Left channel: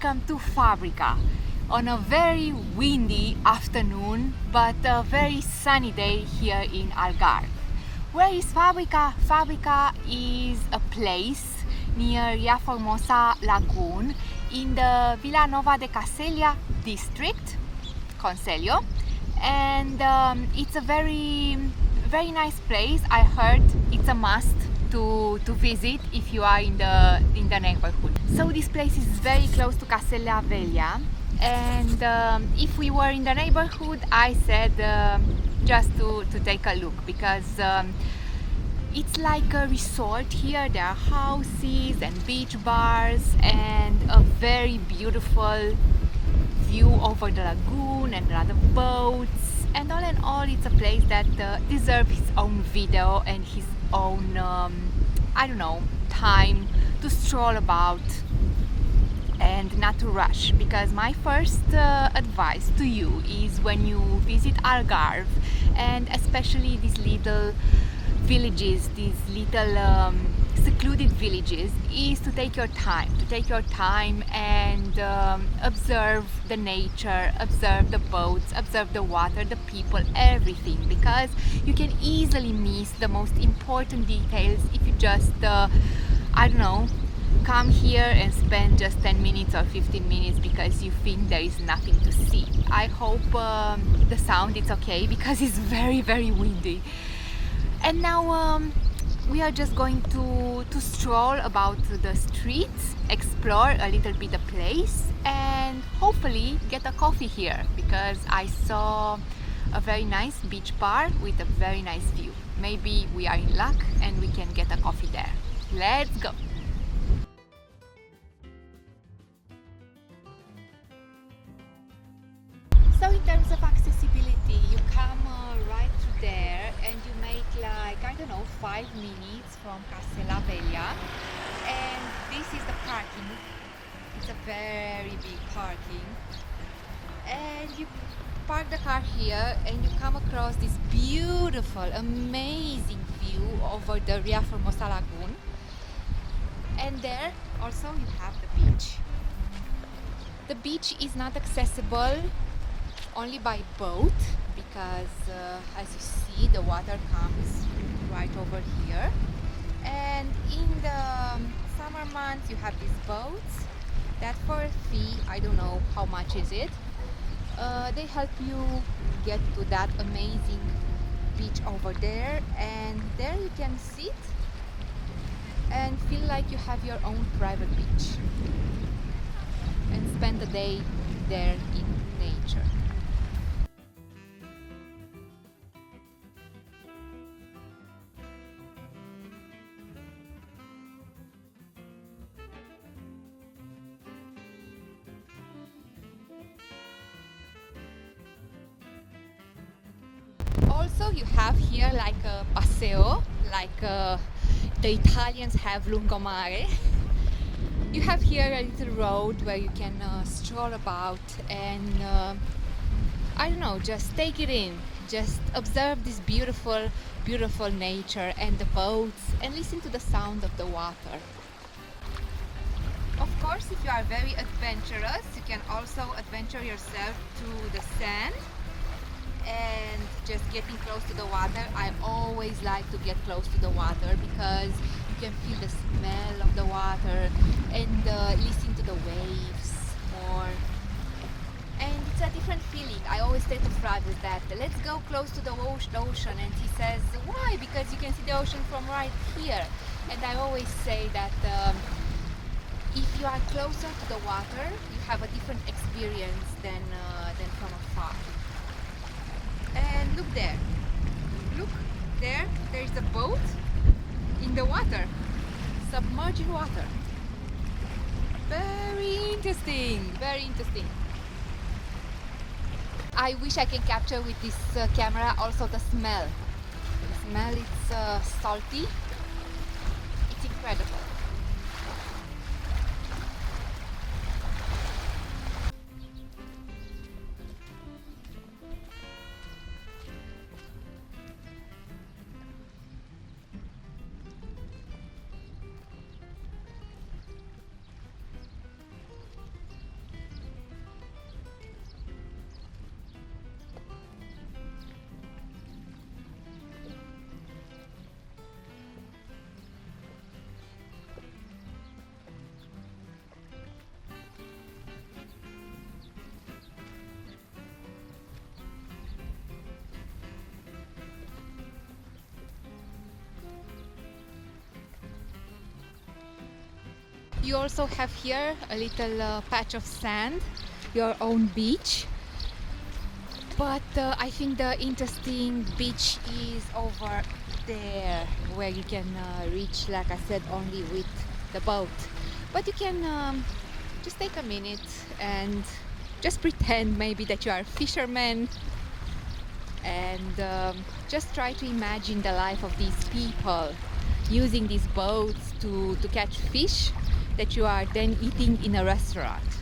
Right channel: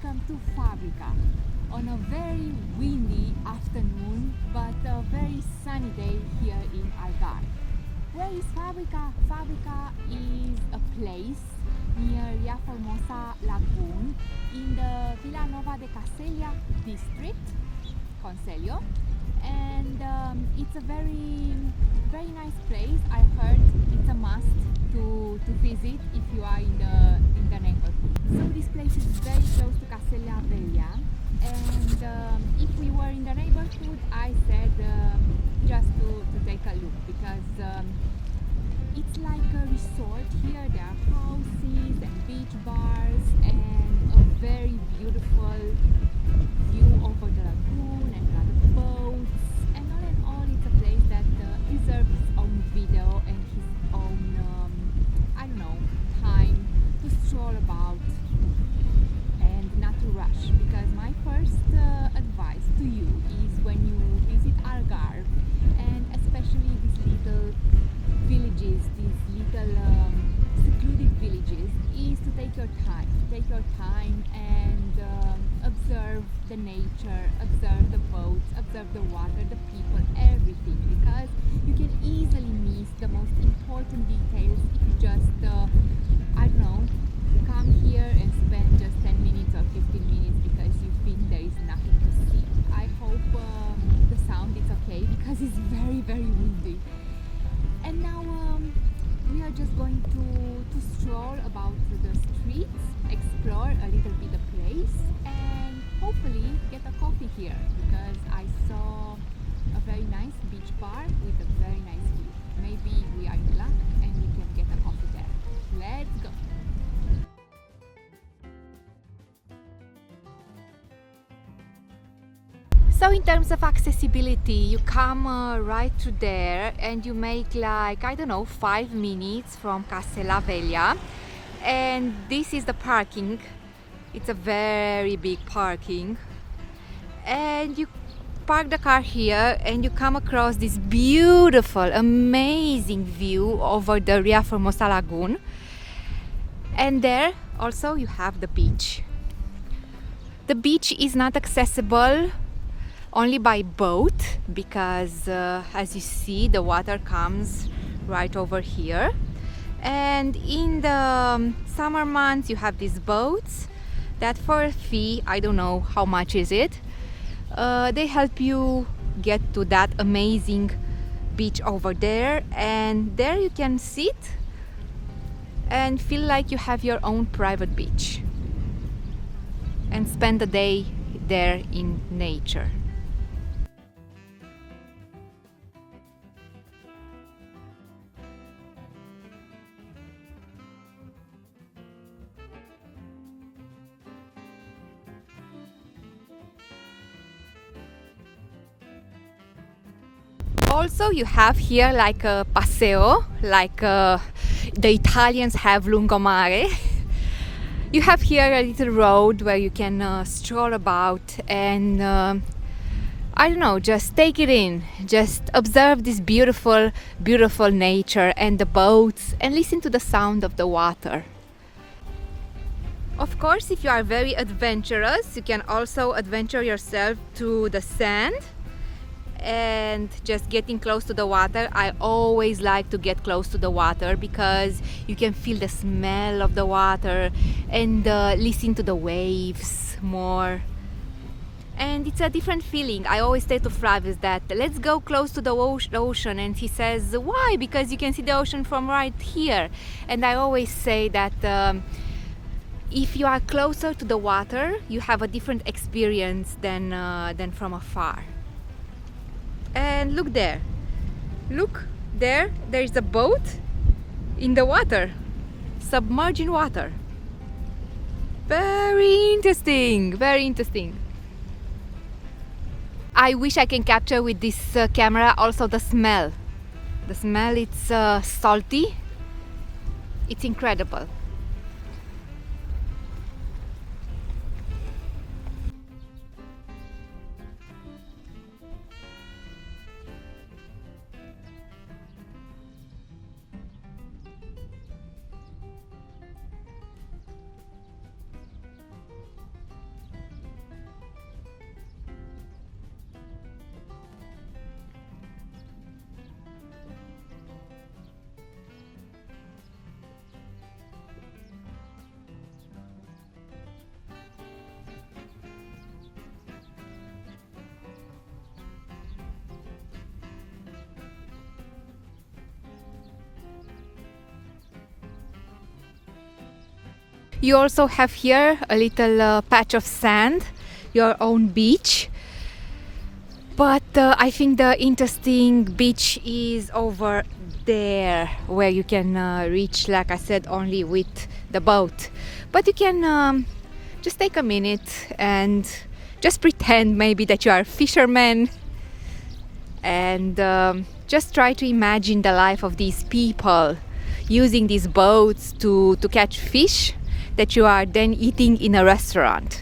welcome to Fabrica on a very windy afternoon but a very sunny day here in Algarve. Where is Fabrica? Fabrica is a place near Ria Formosa Lagoon in the Villanova de Cacela district, Conselho, and it's a very nice place. I heard it's a must to visit if you are in the neighborhood. So this place is very close to Cacela Velha, and if we were in the neighborhood, I said just to take a look, because it's like a resort here. There are houses and beach bars and a very beautiful view over the lagoon and other boats, and all in all it's a place that deserves his own video and his own I don't know, time to stroll about and not to rush. Because my first advice to you is, when you visit Algarve, and especially these little villages, these little secluded villages, is to take your time and observe the nature, observe the boats, observe the water, the people, everything, because you can easily miss the most important details if you just I don't know, come here and spend just 10 minutes or 15 minutes because you think there is nothing to see. I hope the sound is okay, because it's very windy. And now we are just going to stroll about the streets, explore a little bit the place, and hopefully get a coffee here, because I saw a very nice beach bar with a very nice view. Maybe we are in luck and we can get a coffee there. Let's go! So in terms of accessibility, you come right through there and you make, like, I don't know, 5 minutes from Cacela Velha, and this is the parking. It's a very big parking, and you park the car here and you come across this beautiful, amazing view over the Ria Formosa Lagoon, and there also you have the beach. The beach is not accessible only by boat, because as you see, the water comes right over here, and in the summer months you have these boats that, for a fee, I don't know how much is it, they help you get to that amazing beach over there, and there you can sit and feel like you have your own private beach and spend the day there in nature. Also, you have here like a paseo, like the Italians have lungomare. You have here a little road where you can stroll about and I don't know, just take it in, just observe this beautiful nature and the boats, and listen to the sound of the water. Of course, if you are very adventurous, you can also adventure yourself to the sand and just getting close to the water. I always like to get close to the water because you can feel the smell of the water and listen to the waves more, and it's a different feeling. I always say to Travis that let's go close to the ocean, and he says, why? Because you can see the ocean from right here. And I always say that if you are closer to the water, you have a different experience than from afar. And look there, there is a boat in the water, submerged in water. Very interesting. I wish I can capture with this camera also the smell. It's salty, it's incredible. You also have here a little patch of sand, your own beach. But I think the interesting beach is over there, where you can reach, like I said, only with the boat. But you can just take a minute and just pretend maybe that you are a fisherman and just try to imagine the life of these people using these boats to catch fish that you are then eating in a restaurant.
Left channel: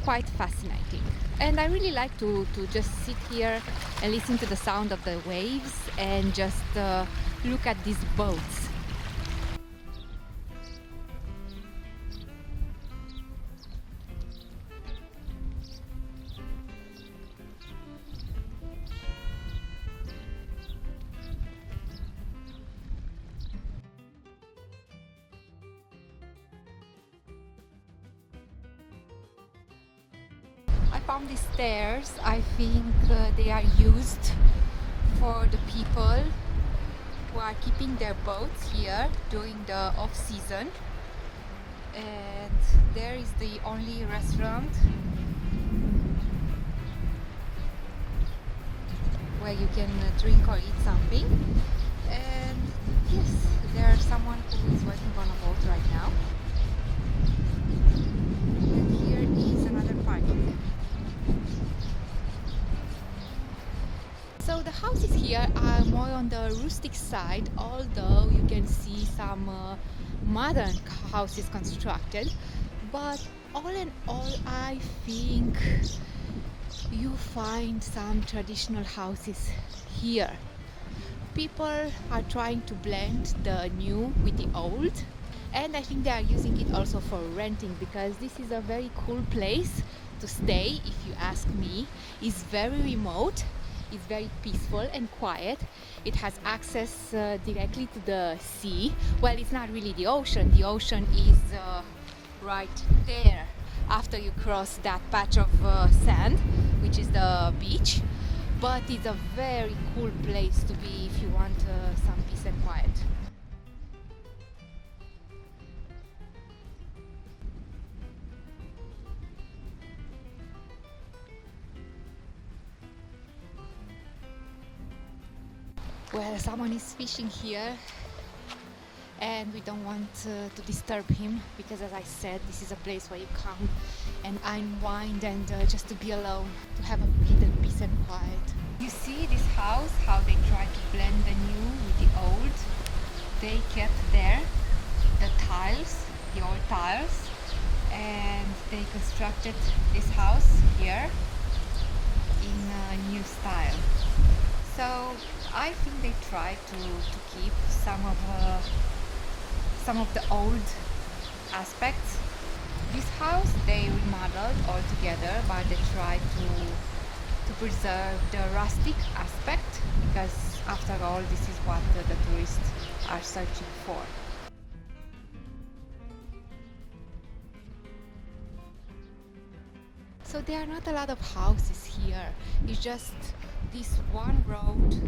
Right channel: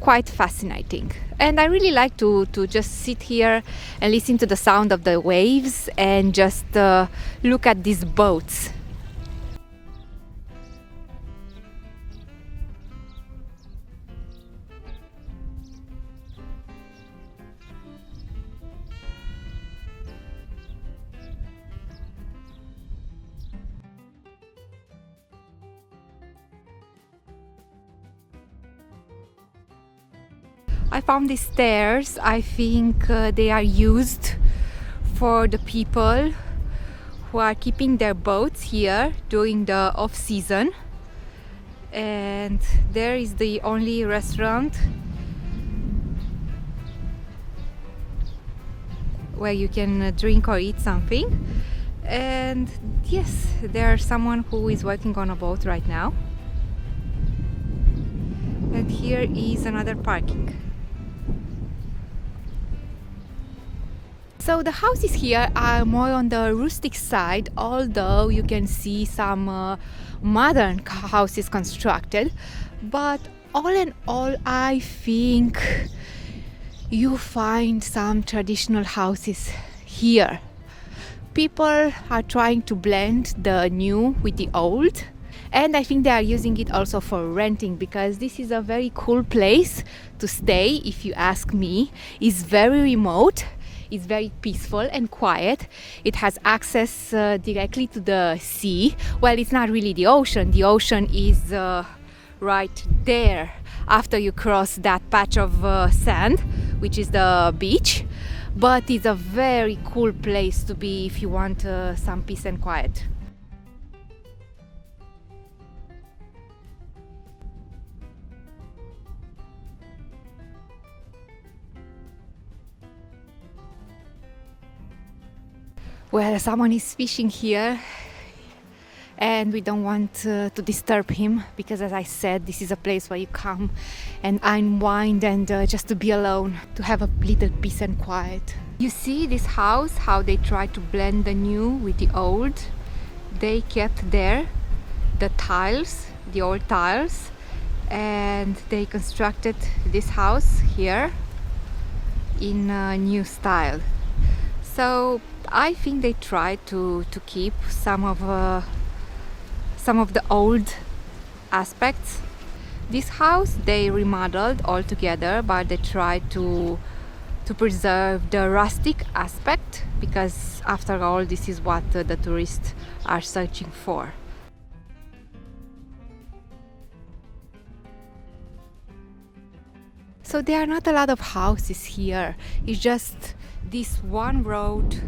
Quite fascinating. And I really like to just sit here and listen to the sound of the waves and just look at these boats. I found these stairs. I think they are used for the people who are keeping their boats here during the off season. And there is the only restaurant where you can drink or eat something. And yes, there's someone who is working on a boat right now. And here is another parking. So the houses here are more on the rustic side, although you can see some modern houses constructed. But all in all, I think you find some traditional houses here. People are trying to blend the new with the old, and I think they are using it also for renting, because this is a very cool place to stay, if you ask me. It's very remote. It's very peaceful and quiet. It has access directly to the sea. Well, it's not really the ocean. The ocean is right there after you cross that patch of sand, which is the beach. But it's a very cool place to be if you want some peace and quiet. Well, someone is fishing here and we don't want to disturb him, because as I said, this is a place where you come and unwind and just to be alone, to have a little peace and quiet. You see this house, how they try to blend the new with the old. They kept there the tiles, the old tiles, and they constructed this house here in a new style. So I think they try to keep some of the old aspects. This house they remodeled altogether, but they try to preserve the rustic aspect, because after all, this is what the tourists are searching for. So there are not a lot of houses here. It's just this one road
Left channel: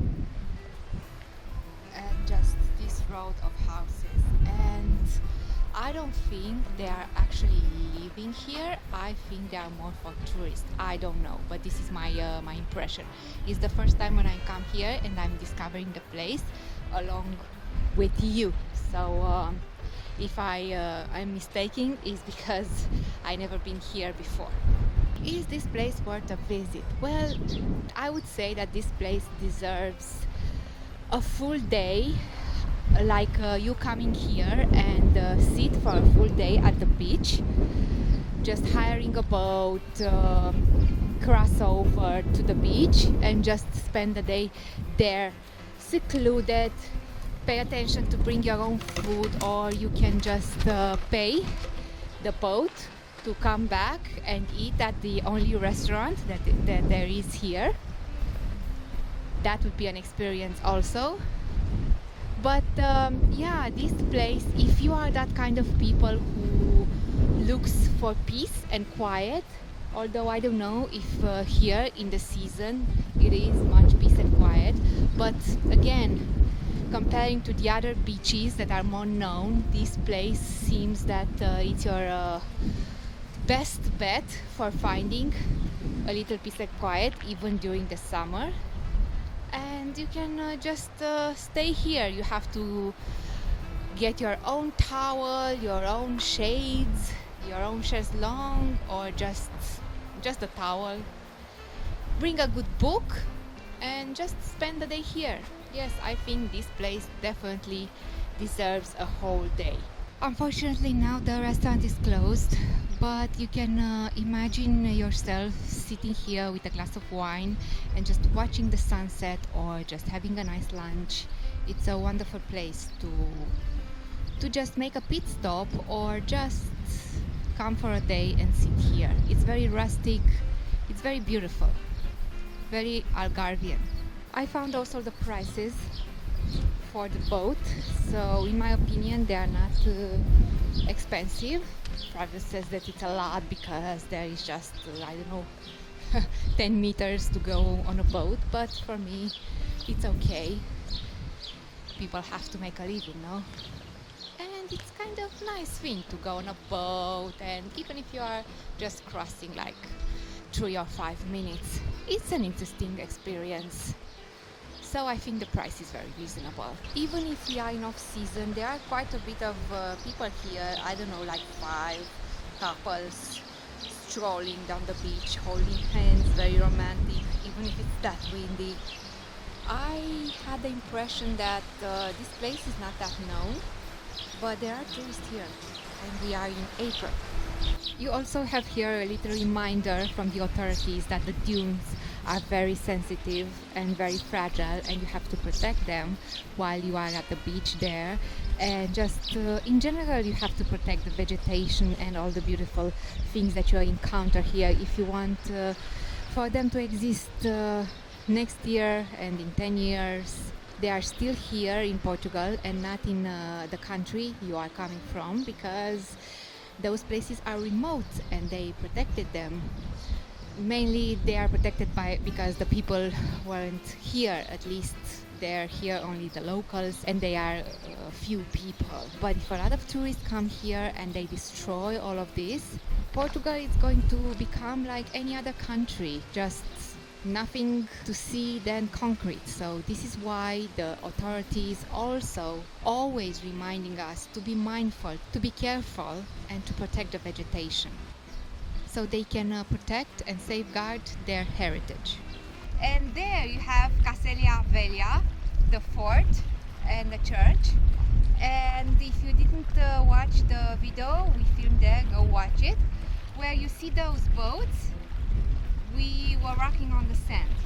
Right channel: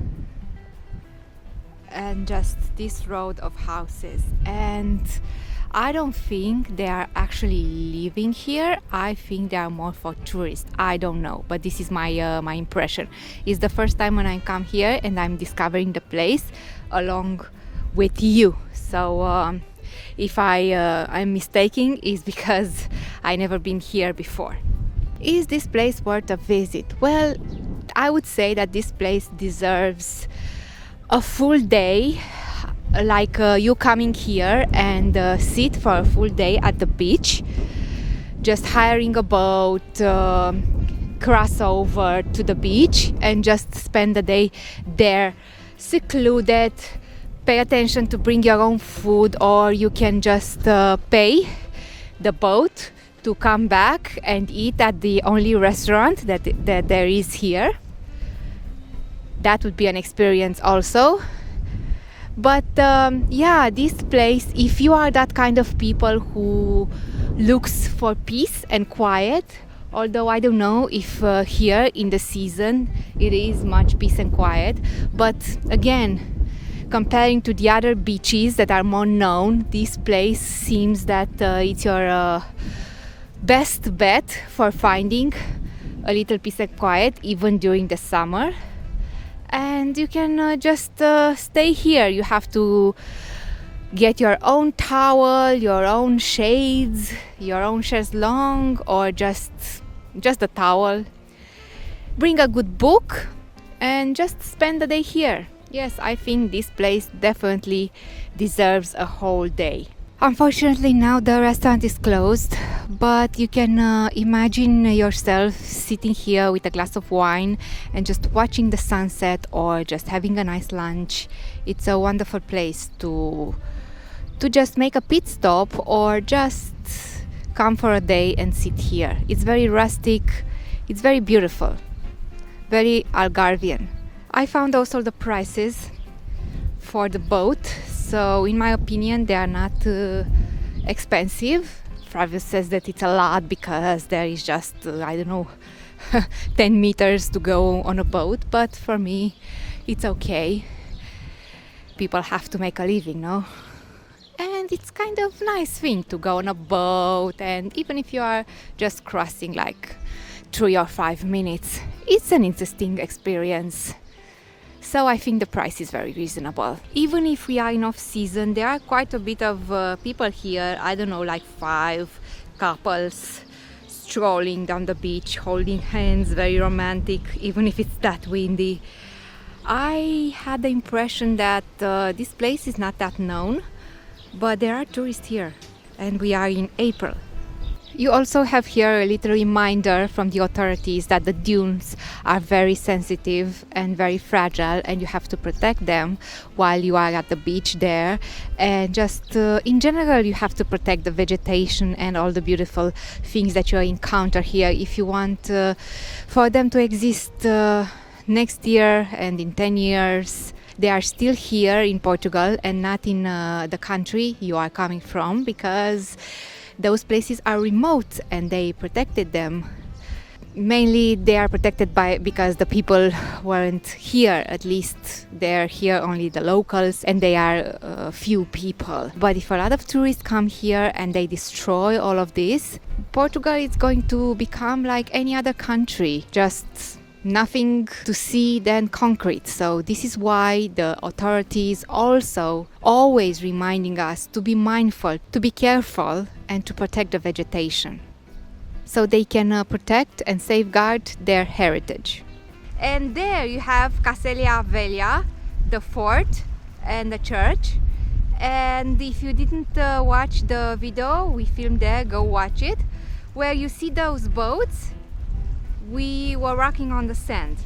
and just this road of houses, and I don't think they are actually living here. I think they are more for tourists. I don't know, but this is my my impression. It's the first time when I come here and I'm discovering the place along with you. So if I'm mistaken, is because I never been here before. Is this place worth a visit? Well, I would say that this place deserves a full day, like you coming here and sit for a full day at the beach, just hiring a boat, cross over to the beach and just spend the day there, secluded. Pay attention to bring your own food, or you can just pay the boat to come back and eat at the only restaurant that there is here. That would be an experience also. But yeah, this place, if you are that kind of people who looks for peace and quiet, although I don't know if here in the season it is much peace and quiet, but again, Comparing to the other beaches that are more known, this place seems that it's your best bet for finding a little peace and quiet even during the summer. And you can just stay here. You have to get your own towel, your own shades, your own chaise longue, or just a towel. Bring a good book and just spend the day here. Yes, I think this place definitely deserves a whole day. Unfortunately, now the restaurant is closed, but you can imagine yourself sitting here with a glass of wine and just watching the sunset or just having a nice lunch. It's a wonderful place to just make a pit stop or just come for a day and sit here. It's very rustic, it's very beautiful, very Algarvian. I found also the prices for the boat, so in my opinion they are not expensive. Flavio says that it's a lot because there is just, I don't know, 10 meters to go on a boat, but for me it's okay. People have to make a living, no? And it's kind of nice thing to go on a boat, and even if you are just crossing like 3 or 5 minutes, it's an interesting experience. So I think the price is very reasonable. Even if we are in off season, there are quite a bit of people here. I don't know, like 5 couples strolling down the beach, holding hands, very romantic, even if it's that windy. I had the impression that this place is not that known, but there are tourists here, and we are in April. You also have here a little reminder from the authorities that the dunes are very sensitive and very fragile, and you have to protect them while you are at the beach there. And just in general, you have to protect the vegetation and all the beautiful things that you encounter here if you want for them to exist next year and in 10 years. They are still here in Portugal and not in the country you are coming from, because those places are remote and they protected them. Mainly they are protected because the people weren't here. At least they're here only the locals, and they are few people. But if a lot of tourists come here and they destroy all of this, Portugal is going to become like any other country, just nothing to see than concrete. So this is why the authorities also always reminding us to be mindful, to be careful, and to protect the vegetation, so they can protect and safeguard their heritage. And there you have Cacela Velha, the fort and the church. And if you didn't watch the video we filmed there, go watch it. Where you see those boats, we were walking on the sand.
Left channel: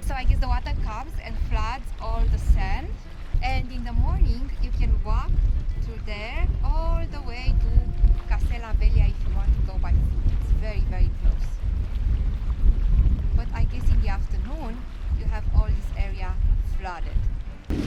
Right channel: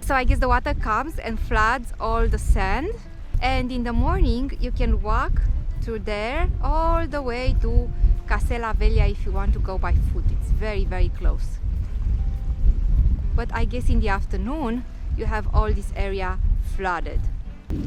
So I guess the water comes and floods all the sand, and in the morning you can walk through there all the way to Cacela Velha if you want to go by foot. It's very, very close. But I guess in the afternoon you have all this area flooded.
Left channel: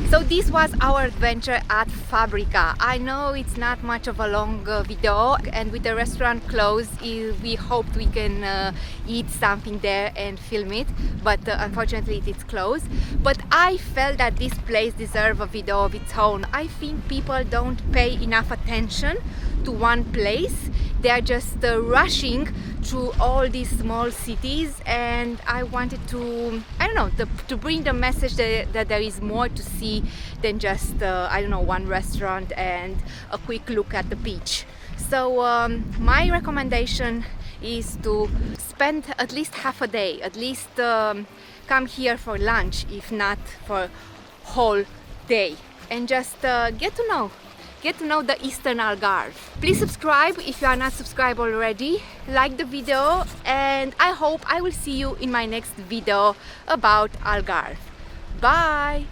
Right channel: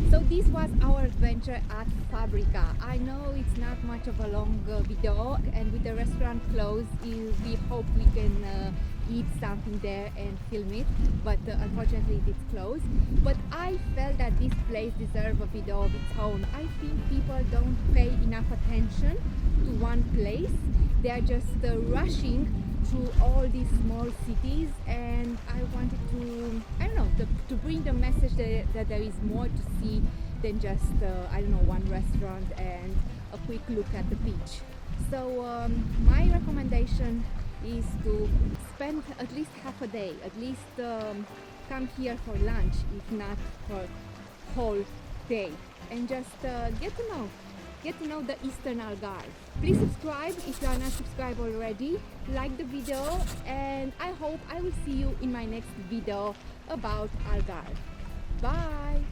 So this was our adventure at Fabrica. I know it's not much of a long video, and with the restaurant closed, we hoped we can eat something there and film it, but unfortunately it's closed. But I felt that this place deserves a video of its own. I think people don't pay enough attention to one place. They are just rushing through all these small cities, and I wanted to, I don't know, to bring the message that there is more to see than just, I don't know, one restaurant and a quick look at the beach. So my recommendation is to spend at least half a day, at least come here for lunch, if not for whole day, and just get to know the Eastern Algarve. Please subscribe if you are not subscribed already, like the video, and I hope I will see you in my next video about Algarve. Bye!